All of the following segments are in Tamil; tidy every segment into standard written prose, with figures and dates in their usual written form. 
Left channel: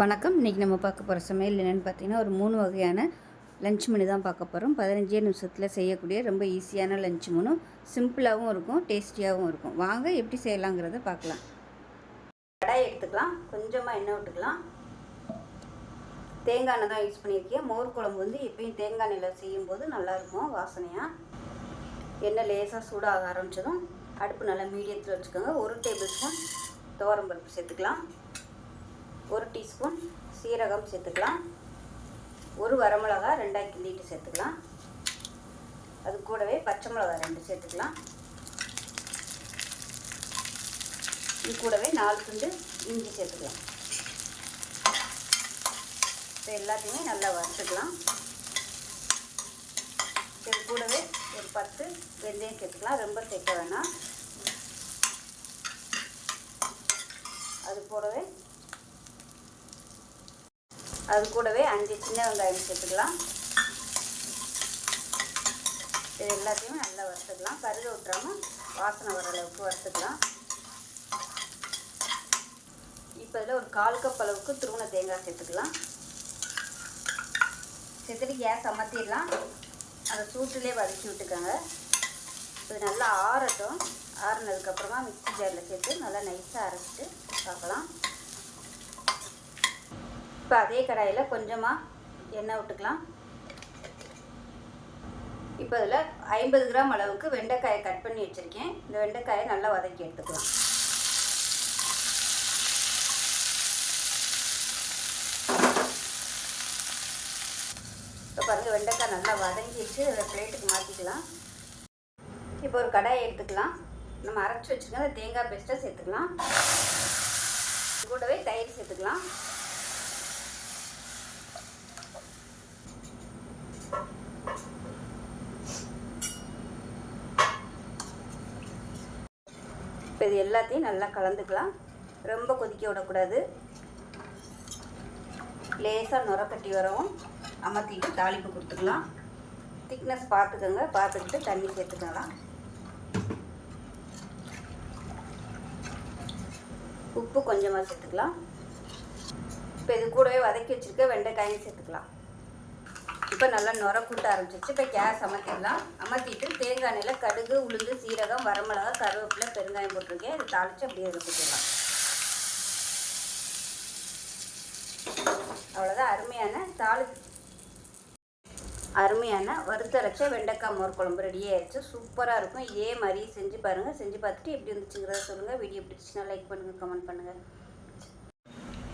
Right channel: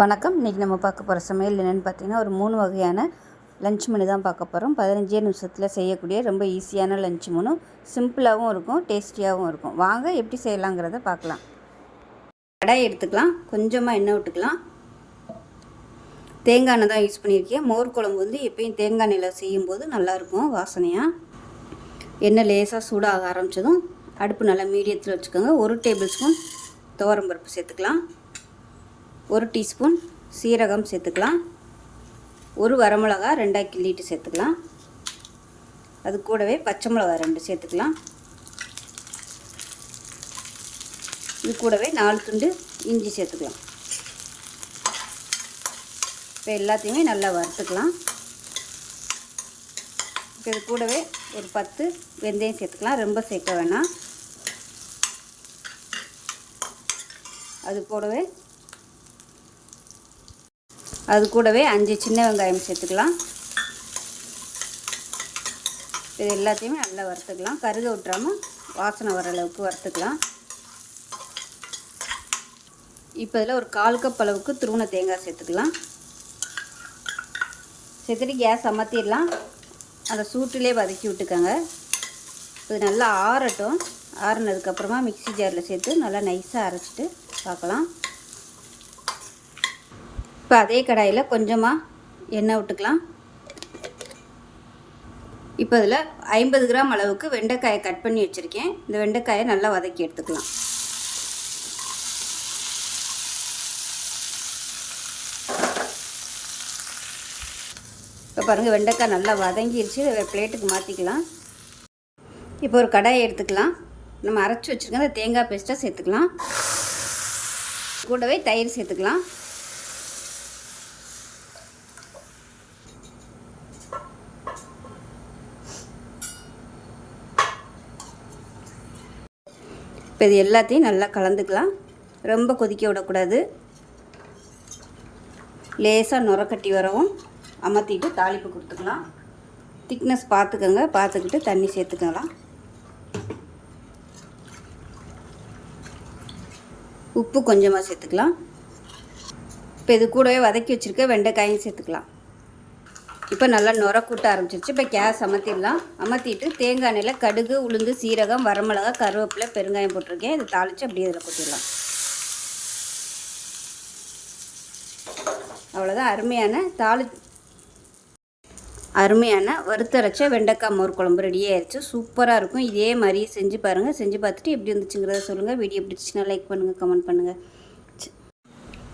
வணக்கம். இன்றைக்கி நம்ம பார்க்க போகிற சமையல் என்னென்னு பார்த்தீங்கன்னா, ஒரு 3 வகையான லன்ச் மெனு தான் பார்க்க போகிறோம். 15 நிமிஷத்தில் செய்யக்கூடிய ரொம்ப ஈஸியான லன்ச் மெனு. சிம்பிளாகவும் இருக்கும், டேஸ்டியாகவும் இருக்கும். வாங்க எப்படி செய்யலாங்கிறத பார்க்கலாம். கடாய் எடுத்துக்கலாம், கொஞ்சமாக எண்ணெய் விட்டுக்கலாம். தேங்காய் எண்ணெய் தான் யூஸ் பண்ணியிருக்கேன். மோர் குழம்பு வந்து எப்பயும் தேங்காய் எண்ணெயில் செய்யும்போது நல்லாயிருக்கும் வாசனையாக. எண்ணெய் லேசாக சூடாக ஆரம்பித்ததும் அடுப்பு நல்லா மீடியத்தில் வச்சுக்கோங்க. 1 டேபிள் ஸ்பூன் துவரம்பருப்பு சேர்த்துக்கலாம். 1 டீஸ்பூன் சீரகம் சேர்த்துக்கலாம். 1 வரமிளகா 2ஆக கிள்ளிட்டு சேர்த்துக்கலாம். அது கூடவே பச்சை மிளகா 2 சேர்த்துக்கலாம். இது கூடவே 4 துண்டு இஞ்சி சேர்த்துக்கலாம். இப்போ எல்லாத்தையுமே நல்லா வறுத்துக்கலாம். இது கூடவே ஒரு 10 வெந்தயம் சேர்த்துக்கலாம். ரொம்ப சேர்க்க வேணாம். அது கூடவே 5 சின்ன வெங்காயம் சேர்த்துக்கலாம். இது எல்லாத்தையுமே நல்லா வறுத்துக்கலாம். கருக விட்டுறாமல் வாசனை வர அளவுக்கு வறுத்துக்கலாம். இப்போ இதில் ஒரு 1/4 கப் அளவுக்கு துருவன தேங்காய் சேர்த்துக்கலாம். சேர்த்துட்டு கேஸ் அமர்த்திடலாம். அந்த சூட்டிலே வதக்கி விட்டுக்கோங்க. இது நல்லா ஆறட்டும். ஆறுனதுக்கப்புறமா மிக்ஸி ஜாரில் சேர்த்து நல்லா நைஸாக அரைச்சிட்டு பார்க்கலாம். இப்போ அதே கடாயில் கொஞ்சமாக எண்ணெய் விட்டுக்கலாம். இப்போ இதில் 50 கிராம் அளவுக்கு வெண்டைக்காயை கட் பண்ணி வச்சுருக்கேன். இந்த வெண்டைக்காயை நல்லா வதக்கி எடுத்துக்கலாம். இப்போ பாருங்கள், வெண்டைக்காய் நல்லா வதங்கிடுச்சு. இதை பிளேட்டுக்கு மாற்றிக்கலாம். இப்போ ஒரு கடாயை எடுத்துக்கலாம். நம்ம அரைச்சி வச்சுருக்க அந்த தேங்காய் பேஸ்ட்டை சேர்த்துக்கலாம். கூடவே தயிர் சேர்த்துக்கலாம். இப்போ இது எல்லாத்தையும் நல்லா கலந்துக்கலாம். ரொம்ப கொதிக்க விடக்கூடாது. லேசாக நுரக்கட்டி வரவும் அமர்த்திட்டு தாளிப்பு கொடுத்துக்கலாம். திக்னஸ் பார்த்துக்கோங்க. பார்த்துக்கிட்டு தண்ணி சேர்த்துக்கலாம். உப்பு கொஞ்சமாக சேர்த்துக்கலாம். இப்போ இது கூடவே வதக்கி வச்சுருக்க வெண்டைக்காயும் சேர்த்துக்கலாம். இப்போ நல்லா நுர கூட்ட ஆரம்பிச்சிருச்சு. இப்போ கேஸ் அமர்த்திடலாம். அமர்த்திட்டு தேங்காய் எண்ணெயில் கடுகு, உளுந்து, சீரகம், வரமிளகா, கருவேப்பிலை, பெருங்காயம் போட்டிருக்கேன். இது தாளித்து அப்படியே இதில் போட்டுடலாம். அவ்வளோதான். அருமையான வறுத்தரைச்ச வெண்டைக்காய் மோர் குழம்பு ரெடி ஆயிடுச்சு. சூப்பராக இருக்கும். இதே மாதிரி செஞ்சு பாருங்கள். செஞ்சு பார்த்துட்டு எப்படி இருந்துச்சுங்கிறத சொல்லுங்கள். வீடியோ பிடிச்சிச்சின்னா லைக் பண்ணுங்கள், கமெண்ட் பண்ணுங்கள்.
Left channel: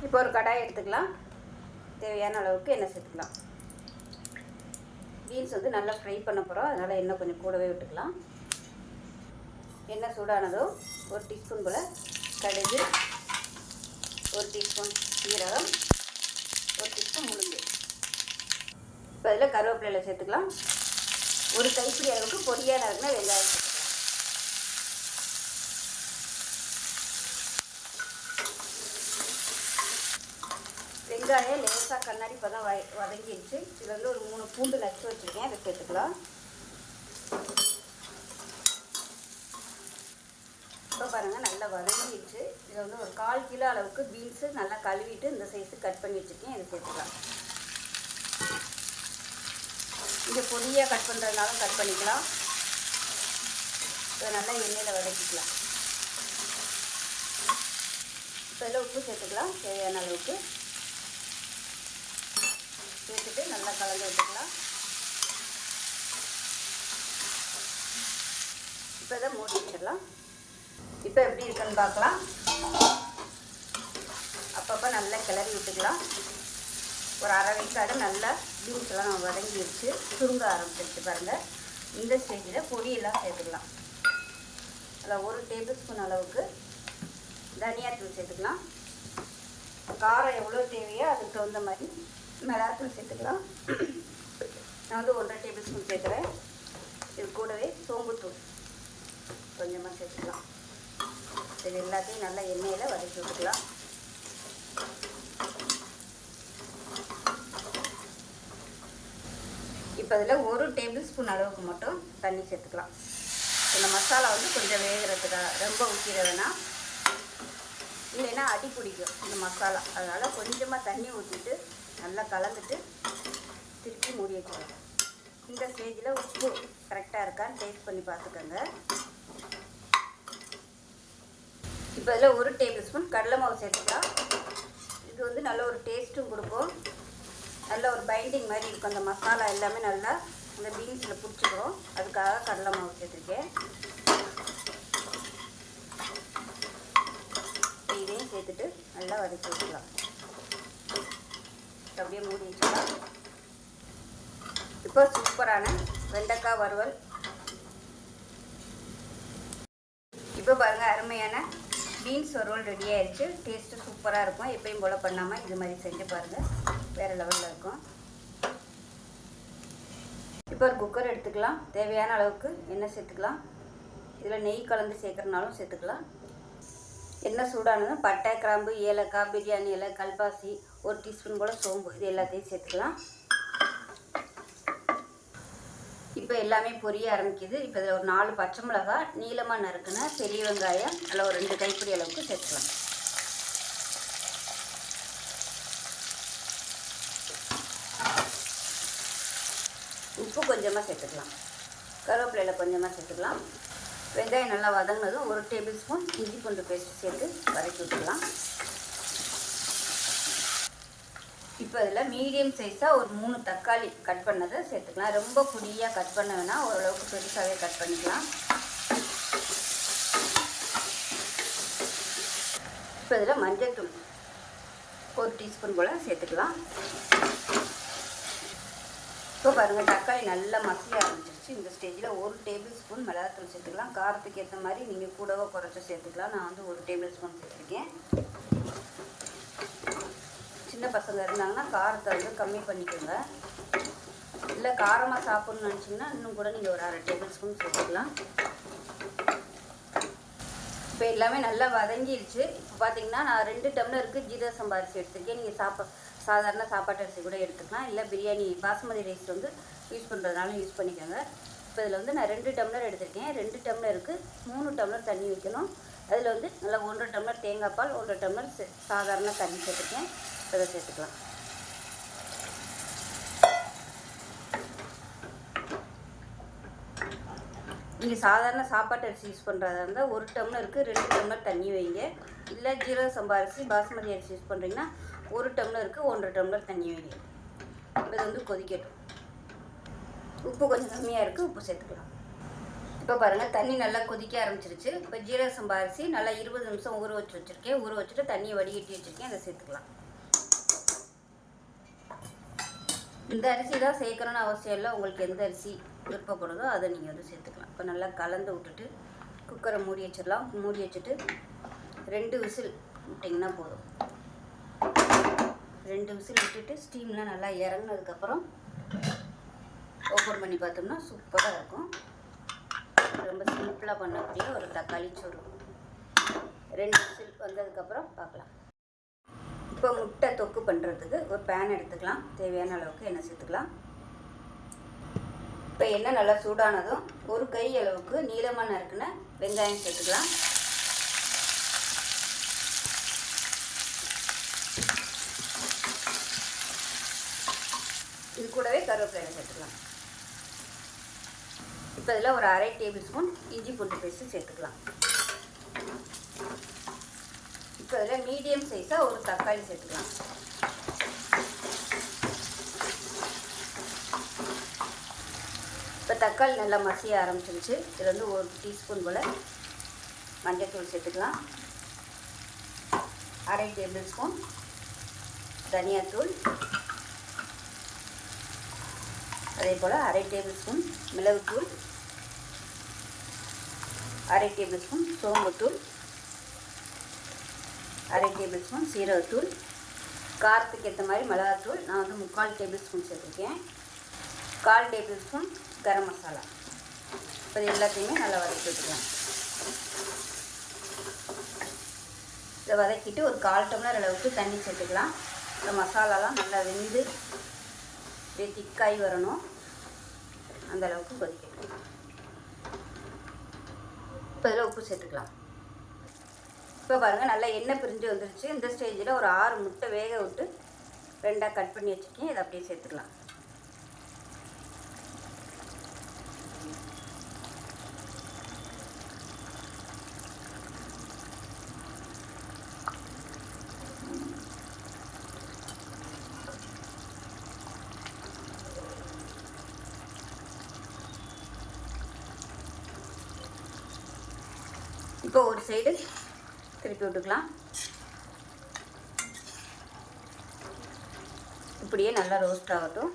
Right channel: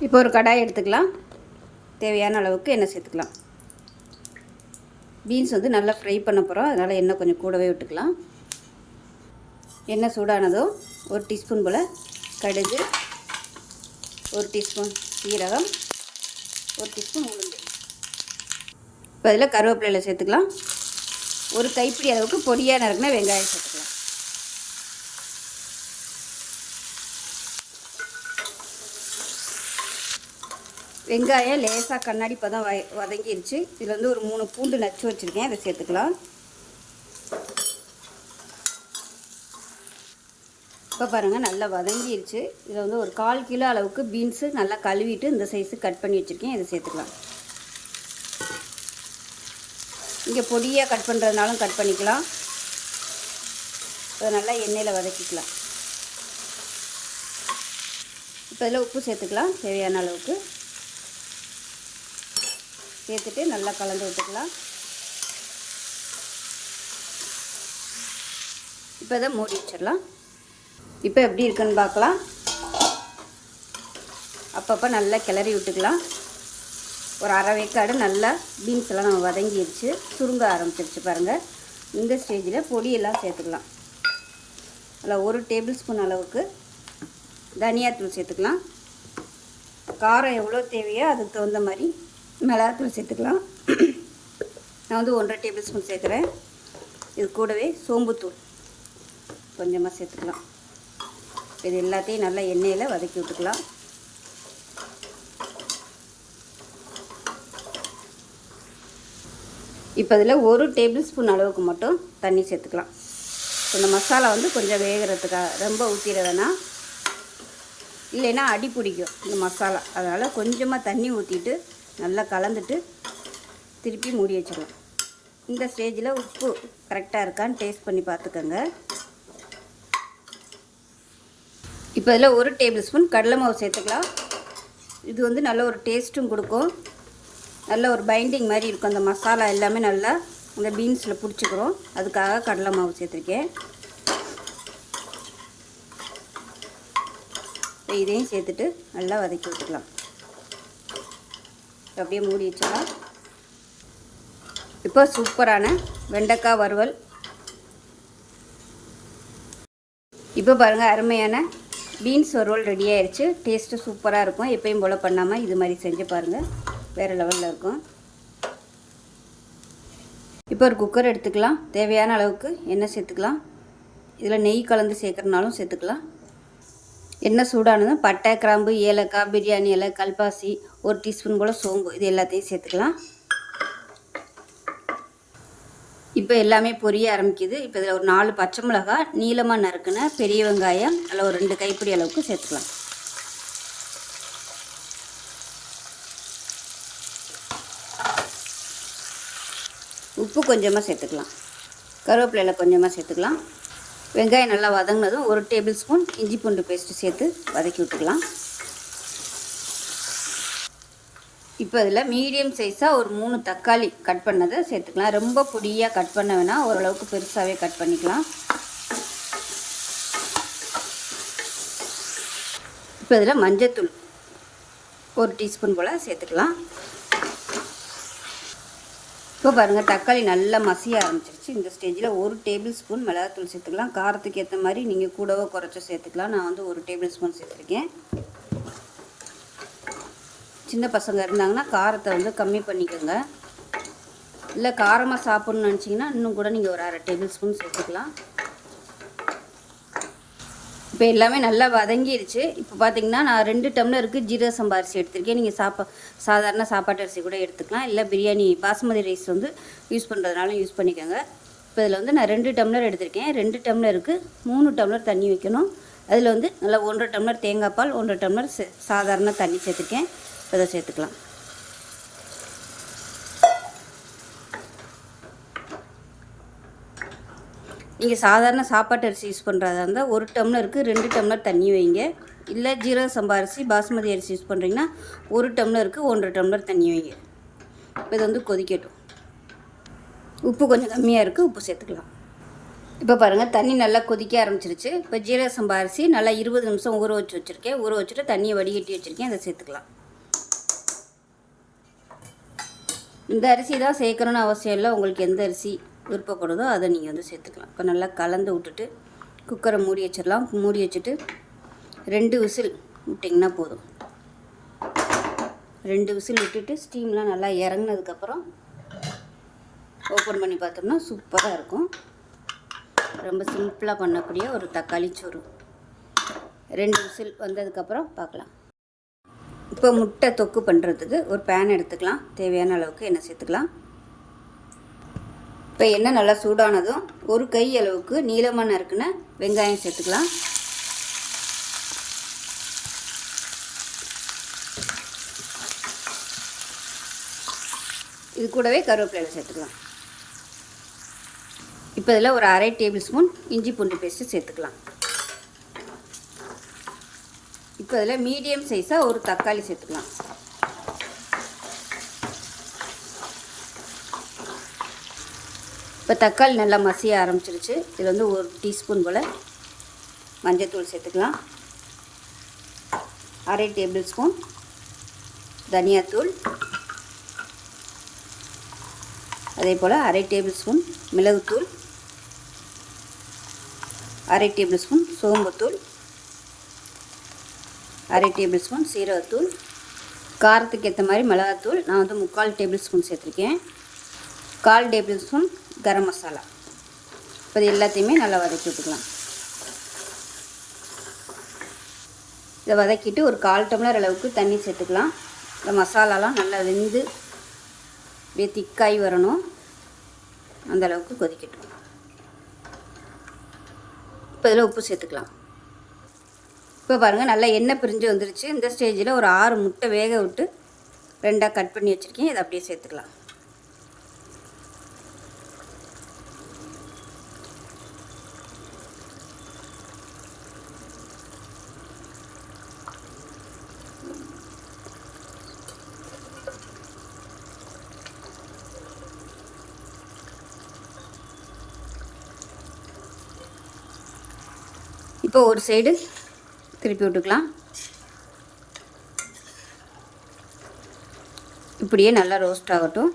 இப்போ ஒரு கடாய் எடுத்துக்கலாம். தேவையான அளவுக்கு எண்ணெய் சேர்த்துக்கலாம். பீன்ஸ் வந்து நல்லா ஃப்ரை பண்ண போகிறோம். அதனால் எண்ணெய் கொஞ்சம் கூடவே விட்டுக்கலாம். எண்ணெய் சூடானதும் 1 டீஸ்பூன் போல் கடுகு, 1 டீஸ்பூன் சீரகம், 1 டீஸ்பூன் உளுந்து. இப்போ அதில் கருவேப்பிலையில் சேர்த்துக்கலாம். ஒரு கைப்பிடி அளவுக்கு பொடியாக நறுக்கின வெங்காயம் சேர்த்துக்கலாம். வெங்காயம் லேசாக கண்ணாடி பதம் வதங்கிடுச்சு. இதில் வந்து ஒரு 3 பூண்டு நச்சு வச்சுருக்கேன். அதை சேர்த்துக்கலாம். இப்போ பாருங்கள், நல்லா வதங்கிடுச்சு. இதில் வந்து ஒரு 1/4 கிலோ அளவுக்கு பீன்ஸு நல்லா கழுவிட்டு இந்த சைஸு கட் பண்ணி வச்சுருக்கேன். இதை சேர்த்துக்கலாம். இங்கே பொடியாக கட் பண்ணுறதுனாலும் கட் பண்ணிக்கலாம். அதை நல்லா எண்ணெயில் வதக்கிக்கலாம். இப்போ இதில் உப்பு சேர்த்துக்கலாம். தேவையான அளவுக்கு சேர்த்துட்டு நல்லா கலந்து விட்டுக்கலாம். இப்போ இதை மூடி வச்சிடலாம். இப்போ எப்படி இருக்குன்னு பார்க்கலாம். அப்பப்போ நல்லா கிளறி விட்டுக்கலாம். ஒரு அரை வேக்காடு நல்லா பீன்ஸ் எல்லாம் நம்ம வதங்கிடுச்சு. சுருங்க ஆரம்பிச்சிருச்சு பாருங்கள். இந்த ஸ்டேஜில் பொடியெல்லாம் சேர்த்துக்கலாம். அதில் 1 டேபிள் ஸ்பூன் அளவுக்கு தனியாத்தூள் சேர்த்துக்கலாம். காரம் எவ்வளோ தேவையோ அதுக்கு தகுந்த மாதிரி மிளகாத்தூள் சேர்த்துக்கலாம். நான் வந்து 1.5 டேபிள் ஸ்பூன் சேர்க்குறேன். இது கூடவே சோம்புத்தூள் கொஞ்சமாக சேர்த்துக்கலாம். இது எல்லாத்தையும் நல்லா எண்ணெயில் வதக்கி விட்டுக்கலாம். இப்போ இதில் 1 டேபிள் ஸ்பூன் அளவுக்கு மட்டும் தண்ணி சேர்த்துக்கலாம். இந்த மசாலா வந்து கொஞ்சம் வேகிறதுக்காக ரொம்ப ஊற்றிட வேணாம். இல்லைன்னா அடி பிடிக்கும் இந்த மசாலா. அதனால் கொஞ்சமாக தண்ணி ஊற்றிட்டு நல்லா கலந்துட்டு திருப்பி மூடி வச்சுருவோம். இந்த ஸ்டேஜில் உப்பு கரெக்டாக இருக்கான்னு டேஸ்ட் பண்ணி பார்த்துக்கோங்க. இப்போ இதில் 1 டேபிள் ஸ்பூன் கடலை மாவு சேர்த்துக்கலாம். இது வந்து நல்ல ஒரு டேஸ்ட்டும் கொடுக்கும், நல்ல ஒரு பைண்டிங் மாதிரி இருக்கும். அந்த மசாலா எல்லாமே நல்லா இந்த பீன்ஸில் பிடிச்சிக்கிறோம், அதுக்காக கடலை மாவு சேர்த்துருக்கேன். இதையும் சேர்த்துட்டு நல்லா வதக்கி வச்சுக்கலாம். அப்படியே மூடி வச்சுக்கலாம். இப்போ சூப்பரான வெண்டைக்காய் வறுவல். இப்போ பாருங்கள், அருமையான பீன்ஸ் வறுவல் ரெடி ஆயிடுச்சு. டேஸ்ட்டு சூப்பராக இருக்கும். எப்பயும் போல் பண்ணாமல் இது மாதிரி செஞ்சு பாருங்கள், வேறு லெவலில் இருக்கும். இப்போ ஒரு குக்கர் எடுத்துக்கலாம். தேவையான அளவுக்கு எண்ணெய் சேர்த்துக்கலாம். இதில் நெய் கலந்து சேர்க்குறனாலும் சேர்த்துக்கலாம். எண்ணெய் சூடானதும் பட்டை, கிராம்பு, ஏலக்காய், பிரியாணி இலை, கல்பாசி, 1 டீஸ்பூன் போல் சோம்பு, இது எல்லாத்தையும் சேர்த்துக்கலாம். இப்போ எல்லாமே பொரிய ஆரம்பிக்குது. இப்போ இதில் ஒரு 4 பச்சை மிளகாய் நீளமாக நறுக்குன பெரிய வெங்காயம் அதில் ஒரு 2 கைப்பிடி அளவுக்கு சேர்த்துக்கலாம். உப்பு கொஞ்சமாக சேர்த்துக்கலாம். கருவேப்பிலையில் கொஞ்சமாக சேர்த்துக்கலாம். வெங்காயம் நல்லா வதங்கினதும் 1 டேபிள் ஸ்பூன் இஞ்சி பூண்டு பேஸ்ட்டு சேர்த்து வதக்கி விட்டுக்கலாம். இப்போ இதில் மீடியம் சைஸாக ஒரு 3 தக்காளி கட் பண்ணதை சேர்த்துக்கலாம். ரொம்ப பொடியாக கட் பண்ண வேணால், ஓரளவுக்கு பெருசாகவே கட் பண்ணிக்கலாம். இப்போ இதில் மஞ்சத்தூள் 1 டீஸ்பூன் போல் சேர்த்துக்கலாம். இப்போ பாருங்கள், தக்காளி நல்லா மசிய ஆரம்பிச்சிருச்சு. இந்த ஸ்டேஜில் 1 டேபிள் ஸ்பூன் மிளகாத்தூள் சேர்த்துக்கலாம். காரத்துக்கு ஏற்ற மாதிரி நீங்கள் கூடவோ குறைச்சோ சேர்த்துக்கலாம். நான் வந்து 1 டேபிள் ஸ்பூன் சேர்த்துருக்கேன். சின்ன பசங்க இருந்தாங்கன்னா காரத்தை வந்து கம்மி பண்ணிக்கோங்க. இல்லை காரமாக சாப்பிட்ணுன்னு நினச்சிங்கன்னா இன்னும் கூட நீங்கள் ஒரு 1/2 டேபிள் ஸ்பூன் சேர்த்துக்கலாம். இப்போ எல்லாமே நல்லா வதங்கிடுச்சு. இப்போ பார்த்தீங்கன்னா நான் 2 டம்ளருக்கு ஜீரக சம்பா அரிசி எடுத்திருக்கேன். நீங்கள் சாதாரண சாப்பாட்டு அரிசி கூட எடுத்துக்கலாம். இல்லை பிரியாணி பாஸ்மதி ரைஸ் வந்து யூஸ் பண்ணுறதுனால யூஸ் பண்ணிக்கோங்க. இப்போ இதில் வந்து நான் 2 டம்ளர் எடுத்திருக்கேன். 2 டம்ளருக்கு 3 டம்ளர் தண்ணி வைக்கணும். அதில் வந்து நல்லா 1.5 டம்ளர் தேங்காய் பால், 1.5 டம்ளர் சாதாரண தண்ணி சேர்த்துருக்கேன். அதை சேர்த்துக்கலாம். நீங்கள் சாதாரண சாப்பாட்டு அரிசி யூஸ் பண்ணுறதா இருந்தால் 1 டம்ளருக்கு 2 டம்ளர் தண்ணி வைங்க. இல்லை ஜீரக சம்பா அரிசி பாஸ்மதி அரிசி யூஸ் பண்ணுறீங்கன்னா 1 டம்ளருக்கு 1.5 டம்ளர் தண்ணி வைங்க. இப்போ இது வந்து கொதிக்கட்டும். உப்பு கொஞ்சம் கம்மியாக இருக்குது, உப்பு சேர்த்துக்கலாம். இப்போ பாருங்கள், தண்ணி நல்லா கொதிக்க ஆரம்பிச்சிருச்சு. இப்போ ஜீரக சம்பா அரிசி நல்லா 20 நிமிஷம் ஊற வச்சுருக்கேன். ஊற வச்சுட்டு தண்ணியை வடிகட்டி வச்சுருக்கேன், அதை சேர்த்துக்கலாம். இந்த அரிசி தான் சேர்க்கணுன்னு அவசியம் இல்லை. உங்களுக்கு எந்த அரிசி விருப்பப்படுதோ அதை நீங்கள் வந்து சேர்த்துக்கலாம். இப்போ நல்லா கலந்து விட்டுட்டு குக்கரை மூடி வச்சிடலாம். மூடி வச்சுட்டு 2 விசில் விட்டிங்கன்னா போதும். 2 விசில் விட்டுட்டு ஸ்டீம்லாம் நல்லா இறங்கினதுக்கப்புறம் ஓப்பன் பண்ணி பார்த்தோம்னா சூப்பராக இருக்கும். ரொம்ப சிம்பிளாக பண்ணக்கூடிய ஒரு தக்காளி சோறு. 2 விசில் வந்ததுக்கப்புறம் பார்க்கலாம். இப்போ முட்டை தொக்கு பண்ணுறதுக்கு ஒரு பேன் எடுத்துக்கலாம். தேவையான அளவுக்கு எண்ணெய் சேர்த்துக்கலாம். இப்போ எண்ணெய் நல்லா சூடானதும் 1 கை அளவுக்கு நீளமாக நறுக்குன வெங்காயம் சேர்த்துக்கலாம். இது கூடவே கருவேப்பிலை சேர்த்துக்கலாம். இப்போ இதில் ஒரு 1/2 டேபிள் ஸ்பூன் இஞ்சி பூண்டு பேஸ்ட்டு சேர்த்துக்கலாம். இப்போ இதில் மீடியம் சைஸாக ஒரு தக்காளி சேர்த்துக்கலாம். இப்போ தக்காளி நல்லா மசிய ஆரம்பிச்சிருச்சு. இதில் வந்து 1 டீஸ்பூன் போல் மஞ்சள்தூள் சேர்த்துக்கலாம். 1/2 டேபிள் ஸ்பூன் தனியாத்தூள், அதே போல் 1/2 டேபிள் ஸ்பூன் மிளகுத்தூள், 1/2 டேபிள் ஸ்பூன் சோம்புத்தூள், 1/2 டேபிள் ஸ்பூன் சீரகத்தூள், காரத்துக்கு ஏற்ற மாதிரி மிளகாத்தூள் நான் வந்து 3/4 டேபிள் ஸ்பூன் சேர்த்துருக்கேன், 1/4 டேபிள் ஸ்பூன் கரம் மசாலா. இப்போ இது எல்லாத்தையுமே நல்லா வதக்கி விட்டுக்கலாம். இதை வதக்கிட்டு ஒரு 1/4 டம்ளர் அளவுக்கு தண்ணி சேர்த்துக்கலாம். இந்த மசாலாலாம் நல்லா வெந்து அப்படியே திக்காய் வரணும், அந்த அளவுக்கு கொதிக்கட்டும். இப்போ இதில் உப்பு சேர்த்துக்கலாம். இப்போ பாருங்கள் நல்லா எண்ணெய் பிரிஞ்சு வந்துருச்சு. இந்த ஸ்டேஜில் ஒரு 6 முட்டை வேக விட்டு 2ஆக கட் பண்ணி வச்சுருக்கேன். இதை அப்படியே சேர்த்துக்கலாம். இப்போ ஒரு சைடு திருப்பி விட்டுக்கலாம். இப்படியே நல்லா ரோஸ்ட் ஆகட்டும்.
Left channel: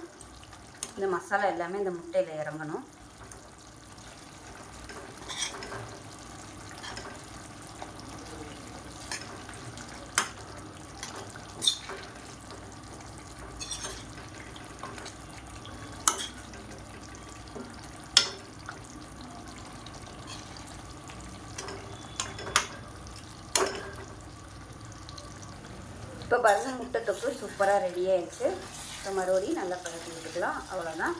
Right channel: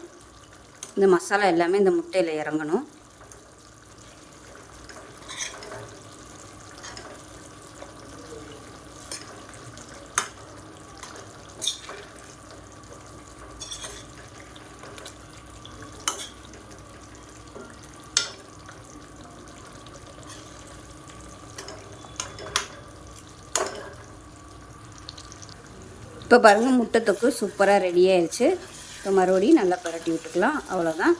இந்த மசாலா எல்லாமே இந்த முட்டையில் இறங்கணும். இப்போ பாருங்கள் முட்டை தொக்கு சூப்பராக ரெடி ஆயிடுச்சு. இப்போ மறுபடியும் நல்லா பரட்டி விட்டுக்கலாம். அவ்வளோதான்.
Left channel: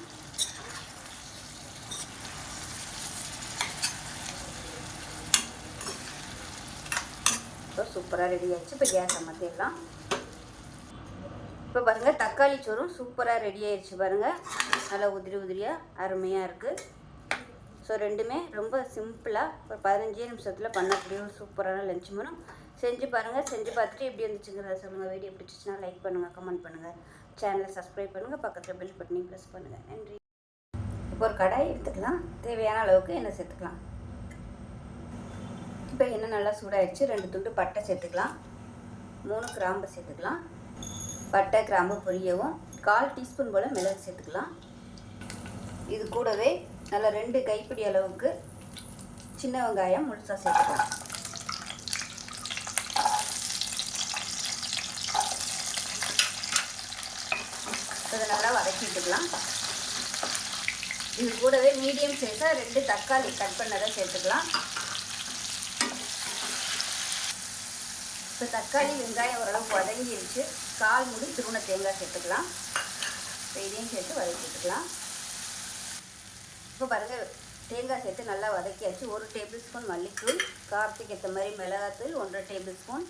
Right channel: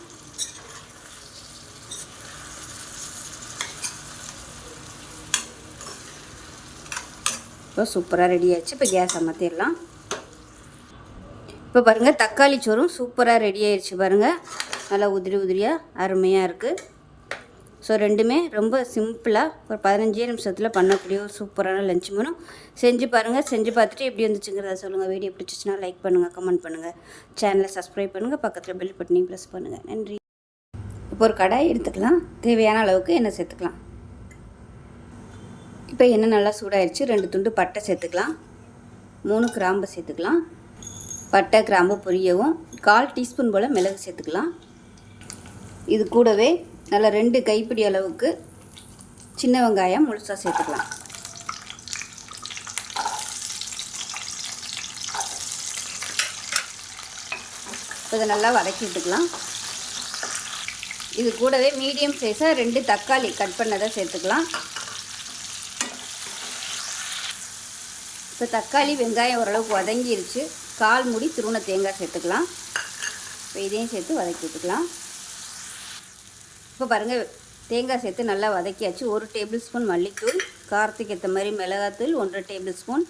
இப்போ சூப்பராக ரெடி ஆயிடுச்சு. இப்போ கேஸ் அமர்த்திடலாம். இப்போ பாருங்கள் தக்காளி சோறும் சூப்பராக ரெடி ஆயிடுச்சு. பாருங்கள் நல்லா உதிரி உதிரியாக அருமையாக இருக்குது. ஸோ ரெண்டுமே ரொம்ப சிம்பிளாக ஒரு 15 நிமிஷத்தில் பண்ணக்கூடிய ஒரு சூப்பரான லஞ்ச் மெனு. செஞ்சு பாருங்கள். செஞ்சு பார்த்துட்டு எப்படி வந்துச்சுங்கிறத சொல்லுங்கள். வீடியோ பிடிச்சிச்சின்னா லைக் பண்ணுங்கள், கமெண்ட் பண்ணுங்கள், சேனலை சப்ஸ்கிரைப் பண்ணுங்கள், பக்கத்தில் பெல் பட்டனையும் ப்ரெஸ் பண்ணுங்கள். நன்றி. இப்போ ஒரு கடாய் எடுத்துக்கலாம். தேவையான அளவுக்கு எண்ணெய் சேர்த்துக்கலாம். இப்போ எண்ணெய் நல்லா சூடாயிடுச்சு. 2 துண்டு பட்டை சேர்த்துக்கலாம். 3 கிராம்பு சேர்த்துக்கலாம். பட்டை கிராம்பு பொரியவும் 1/4 டீஸ்பூன் போல் மிளகு சேர்த்துக்கலாம். இது கூடவே நல்லா 2 கைப்பிடி அளவுக்கு சின்ன வெங்காயம் முழுசாக சேர்த்துக்கலாம். இதை நல்லா வதக்கிட்டுக்கலாம். இது கூடவே மீடியம் சைஸாக 2 தக்காளி கட் பண்ணதை சேர்த்துக்கலாம். இப்போ தக்காளி வெங்காயம் ஓரளவுக்கு வதங்கிருச்சு. 1/4 மூடி துருவன தேங்காய் சேர்த்துக்கலாம். இப்போ இதையும் சேர்த்து வதக்கிட்டுக்கலாம். இப்போ பாருங்கள் தேங்காய் சேர்த்து நல்லா வதக்கியாச்சு. 1 டேபிள் ஸ்பூன் மல்லித்தூள், காரத்துக்கு ஏற்ற மாதிரி மிளகாத்தூள் 1 டேபிள் ஸ்பூன்,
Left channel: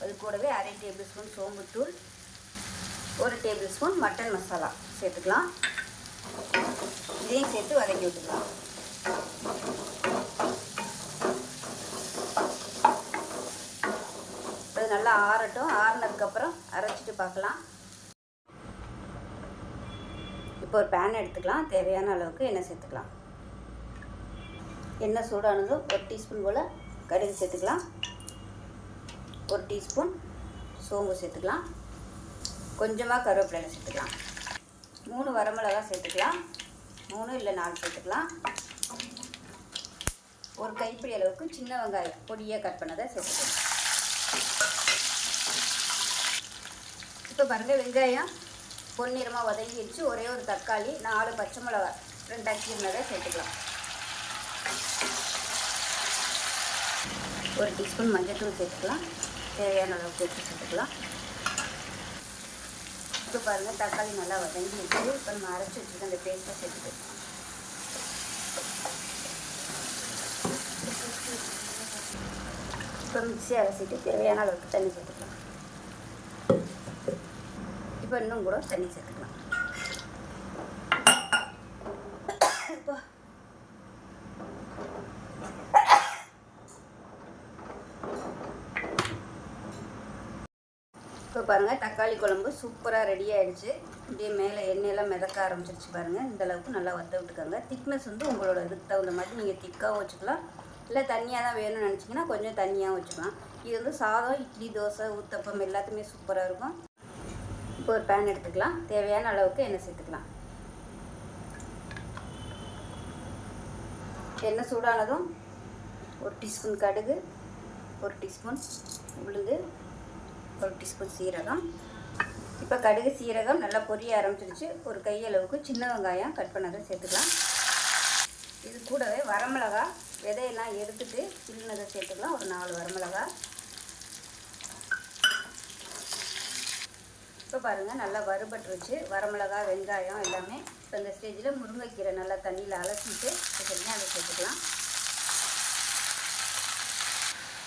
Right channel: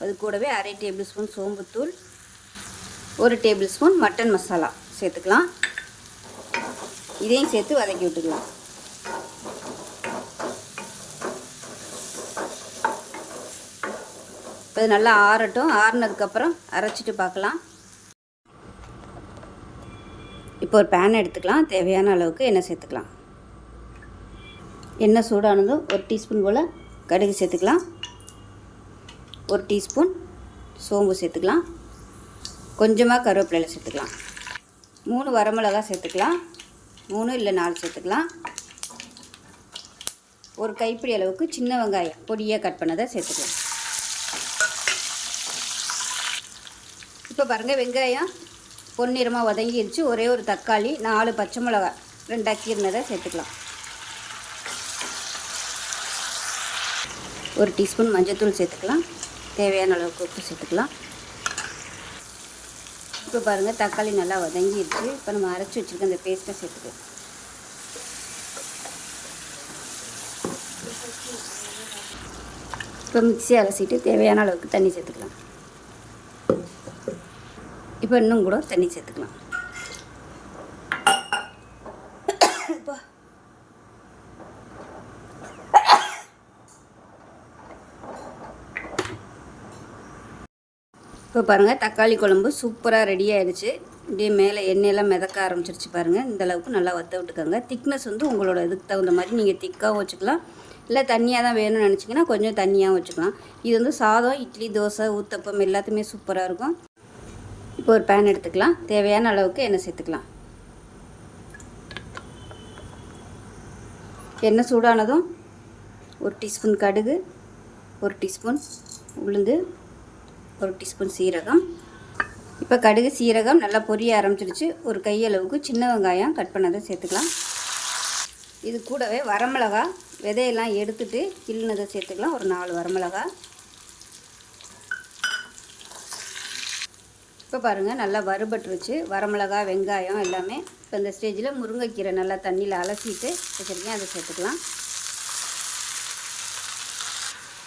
அது கூடவே 1/2 டேபிள் ஸ்பூன் சோம்புத்தூள், 1 டேபிள் ஸ்பூன் மட்டன் மசாலா சேர்த்துக்கலாம். இதையும் சேர்த்து வதக்கி விட்டுக்கலாம். இது நல்லா ஆறட்டும். ஆறுனதுக்கப்புறம் அரைச்சிட்டு பார்க்கலாம். இப்போ ஒரு பேன் எடுத்துக்கலாம். தேவையான அளவுக்கு எண்ணெய் சேர்த்துக்கலாம். எண்ணெய் சூடானதும் 1 டீஸ்பூன் போல் கடுகு சேர்த்துக்கலாம். 1 டீஸ்பூன் சோம்பு சேர்த்துக்கலாம். கொஞ்சமாக கருவேப்பிலை சேர்த்துக்கலாம். 3 வரமிளகாய் சேர்த்துக்கலாம். 3 இல்லை 4 சேர்த்துக்கலாம். ஒரு கைப்பிடி அளவுக்கு சின்ன வெங்காயம் பொடியாக கட் பண்ணதை சேர்த்துக்கலாம். இப்போ பாருங்கள் வெங்காயம் பொன்னிறமாக வதங்கிடுச்சு. ஒரே ஒரு தக்காளி, 4 பச்சை மிளகாய் 2 கீறினதை சேர்த்துக்கலாம். 1 டீஸ்பூன் மஞ்சள்தூள் சேர்த்துக்கலாம். தேவையான அளவுக்கு உப்பு சேர்த்துக்கலாம். இப்போ பாருங்கள் தக்காளி நல்லா வதங்கிடுச்சு. இப்போ நம்ம அரைச்சி வச்சுருக்க அந்த பேஸ்ட்டை சேர்த்துக்கலாம். இப்போ மிக்ஸி அலசிட்டு தேவையான அளவுக்கு தண்ணி சேர்த்துக்கலாம். இப்போ இன்னும் கூட தண்ணி சேர்த்துக்கலாம். இப்போ பாருங்கள் தக்காளி குழம்பு சூப்பராக ரெடி ஆகிடுச்சு. இப்படியே மேலே எண்ணெயெல்லாம் மிதக்க ஆரம்பிச்சிருச்சு பாருங்கள். இந்த அளவுக்கு நல்லா வற்ற விட்டுக்கோங்க. திக்னஸ் வந்து உங்களோட இதுக்கு தகுந்த மாதிரி நீங்கள் திக்காகவும் வச்சுக்கலாம், இல்லை தண்ணியாக தான் வேணும்னு நினச்சிங்கன்னா கொஞ்சம் தண்ணியாகவும் வச்சுக்கலாம். இது வந்து சாதம், இட்லி, தோசை, ஊத்தப்பம் எல்லாத்துமே சூப்பராக இருக்கும். இப்போ ஒரு பேன் எடுத்துக்கலாம். தேவையான அளவுக்கு எண்ணெய் சேர்த்துக்கலாம். எண்ணெய் சூடானதும் 1 டீஸ்பூன் கடுகு, 1 டீஸ்பூன் உளுந்து, 1 டீஸ்பூன் சீரகம். இப்போ கடுகு சீரகம் நல்லா பொரிய ஆரம்பிச்சிடுச்சு. ஒரு கையளவுக்கு சின்ன வெங்காயம் கட் பண்ணதை சேர்த்துக்கலாம். இது கூடவே வரமிளகா விதையெல்லாம் எடுத்துட்டு கிள்ளினதை சேர்த்துக்கலாம். ஒரு 4 வரமிளகா. இப்போ பாருங்கள் நல்லா வறுபட்டுருச்சு வரமிளகா வெங்காயம் எல்லாமே. இப்போ இந்த ஸ்டேஜில் முருங்கைக்கீரை நல்லா தண்ணியில் அலசிட்டு வச்சுருக்கேன், அதை சேர்த்துக்கலாம்.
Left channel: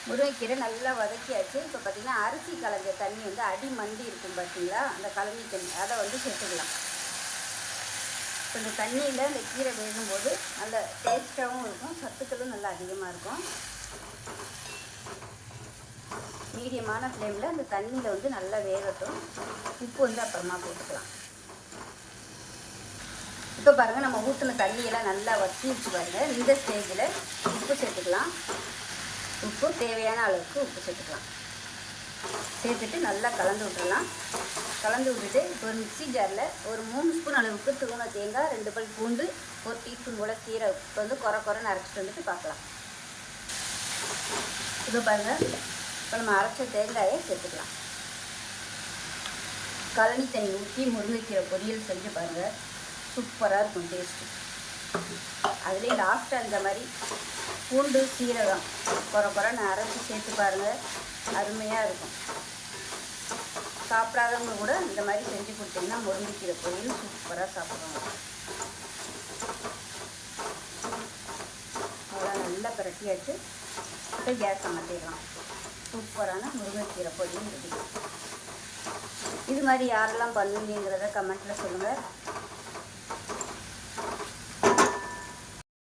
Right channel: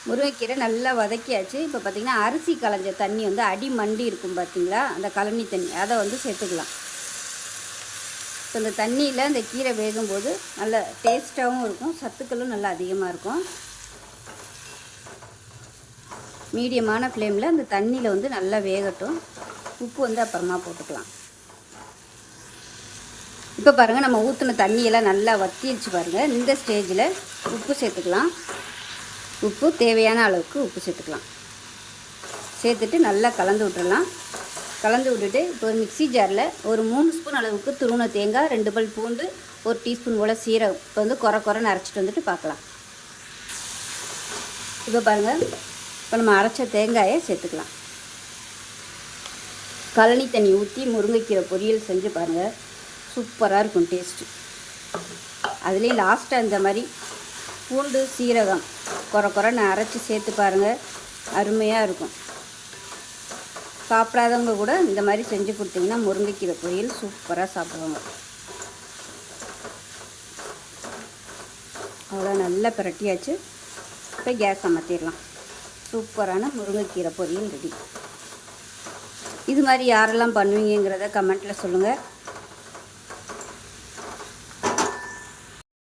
முருங்கைக்கீரை நல்லா வதக்கியாச்சு. இப்போ பார்த்திங்கன்னா அரிசி களைஞ்ச தண்ணி வந்து அடி மண்டி இருக்கும் பார்த்தீங்களா, அந்த கழனி தண்ணி அதை வந்து சேர்த்துக்கலாம். ஸோ இந்த தண்ணியில் அந்த கீரை வேகும்போது நல்ல டேஸ்ட்டாகவும் இருக்கும், சத்துக்களும் நல்லா அதிகமாக இருக்கும். மீடியமான ஃப்ளேமில் அந்த தண்ணியில் வந்து நல்லா வேகட்டும். உப்பு வந்து அப்புறமா போட்டுக்கலாம். இப்போ பாருங்கள், நம்ம ஊற்றின தண்ணியெல்லாம் நல்லா வற்றிடுச்சு பாருங்கள். இந்த ஸ்டேஜில் உப்பு சேர்த்துக்கலாம். உப்பு தேவையான அளவுக்கு உப்பு சேர்த்துக்கலாம். சேர்த்துட்டு நல்லா கலந்து விட்டுறலாம். கலந்து விட்டுட்டு இப்போ ஒரு மிக்ஸி ஜாரில் ஒரு 3 ஸ்பூன் அளவுக்கு துருவின தேங்காய், 2 பல் பூண்டு, 1 டீஸ்பூன் போல் சீரகம் இப்போ வந்து குறைன்னு அரைச்சிட்டு வந்துட்டு பார்க்கலாம். இப்போ பாருங்கள், இப்போ நம்ம அரைச்ச தேங்காயை சேர்த்துக்கலாம். கழனி தண்ணி ஊற்றி முருங்கைக்கீரை பொரியல் செஞ்சு பாருங்கள், சூப்பராக இருக்கும் டேஸ்ட்டு. அதுலேயும் லாஸ்ட்டாக இந்த மாதிரி பூண்டு சீரகம் குறைன்னு அரைச்சி சேர்த்து பாருங்கள், அருமையாக இருக்கும். சாப்பிடாதவங்க கூட இந்த மாதிரி செஞ்சு கொடுத்தீங்கன்னா முருங்கைக்கீரை பொரியல் சூப்பராக சாப்பிடுவாங்க. அவ்வளோ நல்லா பிரட்டியாச்சு. இப்போ கேஸை மாற்றிடலாம். சூப்பரான முருங்கைக்கீரை பொரியல் ரெடி. இது மாதிரி யாரெல்லாம் பண்ணுவீங்கிறத கமெண்ட்டில் சொல்லுங்கள்.